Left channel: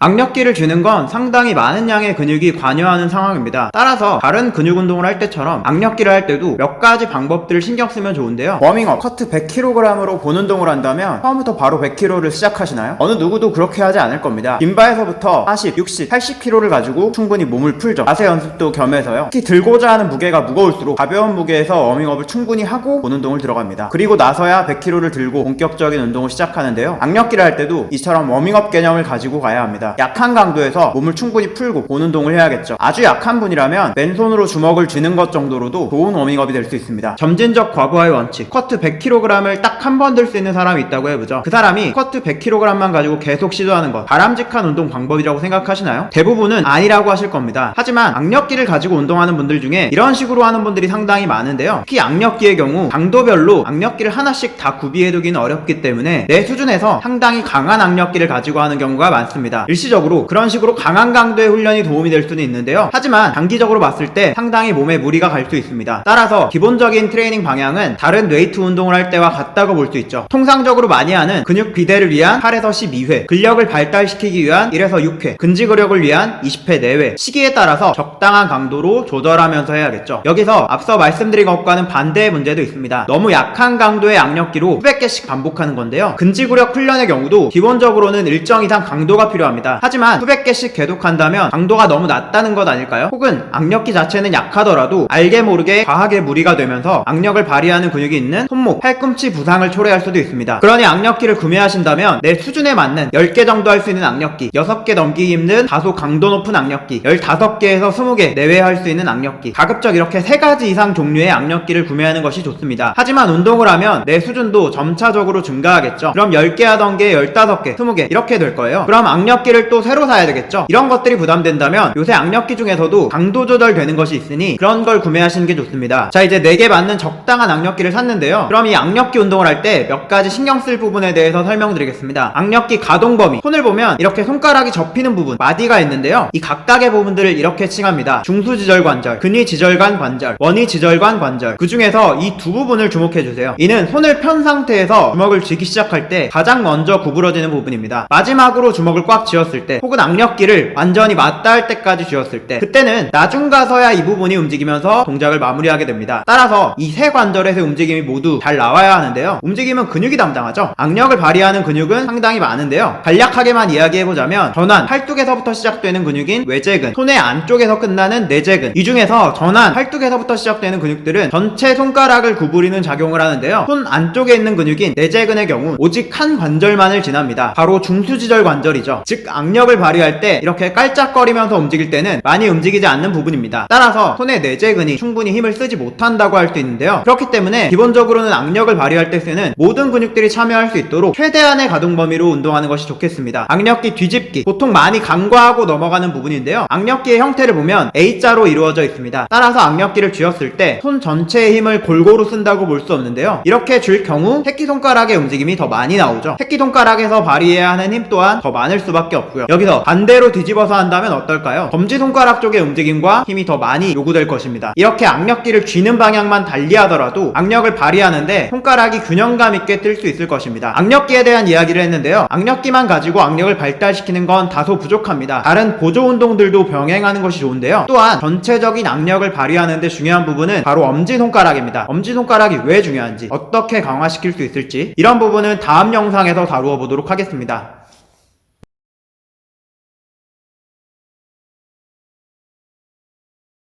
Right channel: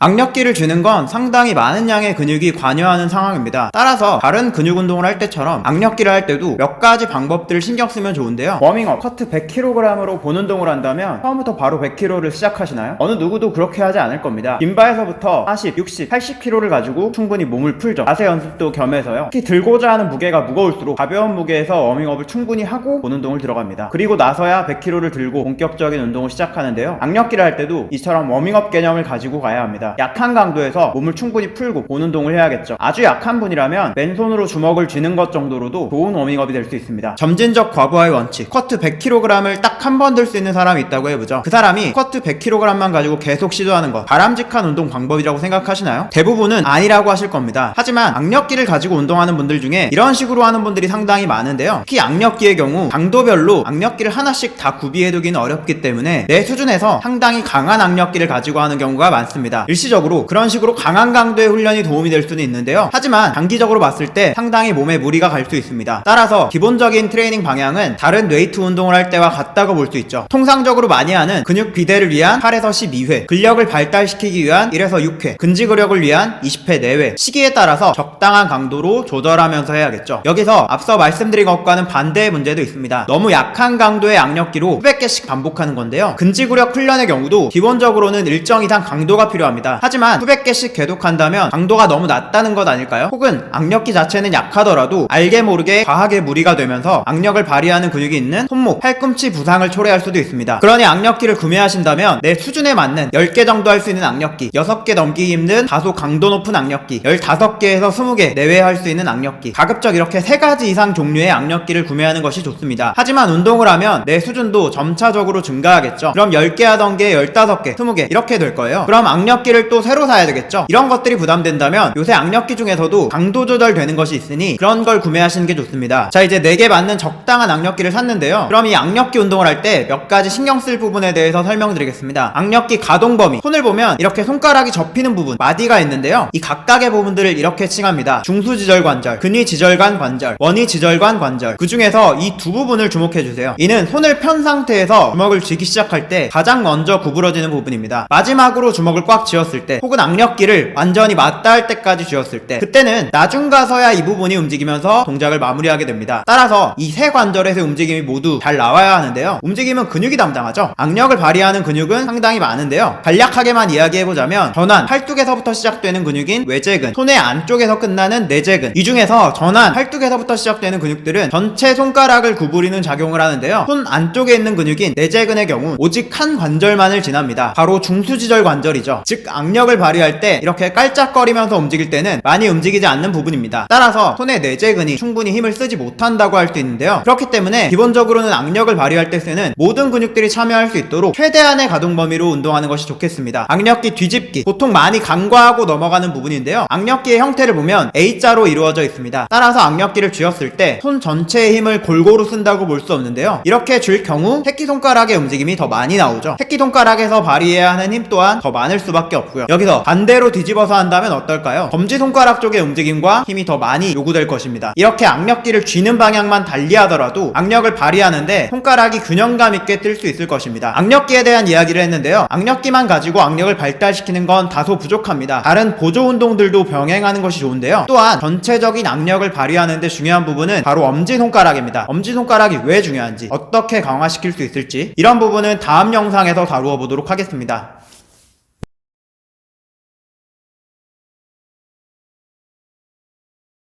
악력기를 쥐는 건 상당히 많은 양의 근육이 관여하는 상황입니다. 따라서 다른 근육 운동을 할 때처럼 악력기를 할 때도 몇 가지 방법들을 신경 쓰면 좋은데요. 워밍업, 커트 100kg으로 본 운동을 한다면 처음부터 바로 100kg를 시작하시나요? 어느 누구도 그렇게 하지 않을 겁니다. 빈바에서부터 40, 60, 80kg를 가지고 충분히 몸을 풀죠. 자세 연습도 겸해서요. 특히 들고자 하는 무게가 무거울수록 가벼운 무게에서 워밍업을 충분히 하고 본 운동을 들어갑니다. 그리고 나서야 100kg를 들고 본격적인 운동을 시작하는데요. 악력기를 할 때도 이처럼 워밍업 개념을 가지고 가야 합니다. 약한 강도에서 몸을 충분히 풀고 본 운동을 해야겠죠. 아주 약한 분이라면 맨손으로 주먹을 쥐는 것 정도로도 좋은 워밍업이 될 수 있습니다. 점진적 과부하의 원칙, 스쿼트 100kg을 딱 한 번 들 수 있는 사람이 있다고 해보죠. 그 사람이 스쿼트 100kg만 가지고 계속 시도하는 것, 바람직한 운동 방법이라고 생각하시나요? 대부분은 아니라고 하실 겁니다. 하지만 악력기를 가지고 운동하는 분들 중에 이런 식으로 하는 분들이 상당히 많은데요. 특히 악력기의 경우 강도별로 악력기를 하나씩 다 구비해두기는 어렵기 때문에 내 수준에서 상당히 강한 악력기를 가지고 하는 경우가 많습니다. 일시적으로 그런 식으로 강한 강도의 훈련이 도움이 될 수는 있는데요. 하지만 단기적으로 봤을 때 상당히 몸에 무리가 갈 수 있습니다. 따라서 기본적인 트레이닝 방향은 다른 웨이트 운동을 할 때와 같다고 볼 수 있죠. 통상적으로 많이 하는 근육 비대를 위한 8에서 12회, 근력을 발달시키기 위한 1에서 6회, 근지구력을 위한 20회 내외, 시기에 따라서 적당한 강도로 조절하면서 해야겠죠. 여기서 앞서 말씀드린 것과는 반대의 문제도 있습니다. 너무 약한 강도의 악력기로 수백 개씩 반복하는 건데요. 근지구력 훈련의 경우도 기본적으로는 일정 이상 강도가 필요합니다. 하지만 수백 개씩 계속한다면 강도가 너무 낮다는 것 아닐까요? 혹은 악력기 자체는 약하더라도 알게 모르게 과하게 무리가 되면서 악력을 발휘하는 근육이 있는 손목, 팔꿈치 부상을 초래할 수도 있습니다. 그러니 악력기를 구매하신다면 내 수준에 맞는 10개 정도 할 수 있는 악력기, 6개 넘기기 힘든 다소 강도 높은 악력기, 15개에서 20개 내외 할 수 있는 악력기, 가급적 이렇게 3가지 이상 종류의 악력기를 구매하는 것이 좋습니다. 하지만 운동을 하면 내 수준도 점차적으로 증가하겠죠. 그럼 10개 하던 게 15개, 20개 이렇게 될 거예요. 그럼 악력기를 또 새로 사야 되겠죠. 이런 것들이 부담된다면 요새 악력기 중에서도 강도 조절되는 것이 있으니 그런 걸 구매하시는 게 좋습니다. 자, 이제 내게 맞는 적당한 악력기를 샀는데요. 그럼 이 악력기 운동을 할 때 몇 가지 신경 쓸 부분에 대해서 설명드리겠습니다. 악력기 가동 범위, 손을 보면 이렇게 손가락이 접히는 부분, 마디가 있는데요. 이 각각의 부분들을 이렇게 칭합니다. 중수지절관절, 근위지절관 관절, 원위지절관 관절. 그 중에서 이 두 부분을 주목해주세요. 이는 손을 편 상태에서 주먹을 쥐기 시작할 때 가장 먼저 구부러지는 부분입니다. 마지막으로 주먹을 꽉 쥐었을 때, 혹은 악력기를 완전히 맞다 할 때까지 쥐었을 때, 그때는 나중 가서야 이 부분이 움직이면서 동작을 마무리하게 됩니다. 따라서 이 세 관절에서의 움직임이 모두 잘 나와야 하는데요. 움직임은 근육이 담당하죠. 악력을 발휘하는 근육은 상당히 많은데요. 간략하게만 이야기해보자면 전완, 팔뚝에서부터 시작되는 근육인 외제근, 손의 안쪽에서 끝나는 내제근, 이 중에서 전완, 팔뚝에서부터 시작되는 근육들은 전체 손가락을 구부리는 작용을 하는데요. 손 안쪽에 있는 근육인 내제근의 경우 오직 한 관절만을 지납니다. 바로 중수지절 관절이죠. 즉 악력을 발휘할 때 이렇게 깔짝거리면서 움직일 때는 많이 움직이지 않는 부분입니다. 따라서 손의 내제근이 충분히 힘을 쓰지 못한다고 할 수 있는데요. 그렇기 때문에 기본적으로는 악력을 발휘할 때 쓰는 모든 근육들이 참여할 수 있도록 최대한의 가동 범위로 운동하는 것이 좋겠습니다. 악력기 뒤집기, 보통 많이 간과하고 넘어가는 부분인데요. 악력기의 형태를 보면 A자로 이루어져 있습니다. 따라서 악력기를 쥐었을 때 손 전체의 힘을 골고루 쓴다고 볼 수 없는데요. 이렇게 쥘 경우 새끼손가락의 움직임이 더 많이 나오죠. 새끼손가락에서 발휘해야 하는 힘 또한 더 많을 수밖에 없고요. 여기서 반대로 뒤집어서 한다면 어떨까요? 검지손가락 쪽의 움직임과 힘이 더 많이 요구될 것입니다. 이렇게 악력기를 쥐는 방향만 달리하더라도 악력을 발휘하는데 손가락이 균형감 있게 뜰 수 있을 것입니다. 악력기에 대한 이야기를 했는데요. 악력기만 가지고 악력을 발달시키는 건 다소 부족합니다. 다른 보조 운동들도 병행하는 것이 좋은데요. 또한 전체적인 악력을 발휘하는 데 중요한 부분은 바로 엄지손가락입니다. 엄지손가락이 왜 중요한지, 어떻게 강화시킬 수 있을지, 이런 부분은 다음 영상에서 다루어 보도록 하겠습니다.